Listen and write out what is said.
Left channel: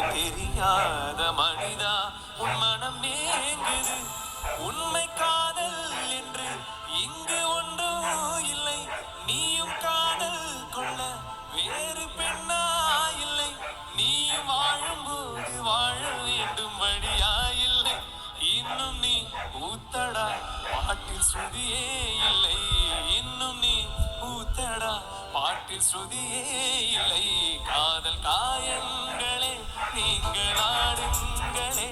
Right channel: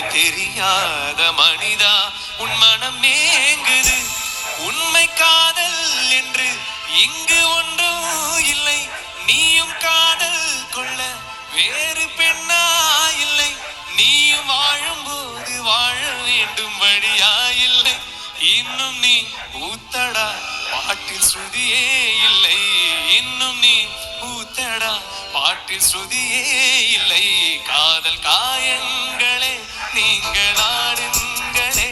உண்மை தெரியாத மனிதா உன் மனம் ஏங்குது. உண்மை காதல் என்று இங்கு ஒன்றும் இல்லை. நீயும் காதல் கொள்ள வேறு பெண்ணா இல்லை. நீயும் வாழும்போது வாழ வேண்டும் வழியா இல்லை. இன்னும் நீ ஊத்தடா பாட்டில் ஸ்ருதியே இல்லை. இன்னும் நீ ஊத்தடா பாட்டில் ஸ்ருதியே இல்லை. காதல் காயங்களே நீங்கள் ஆடுங்களே.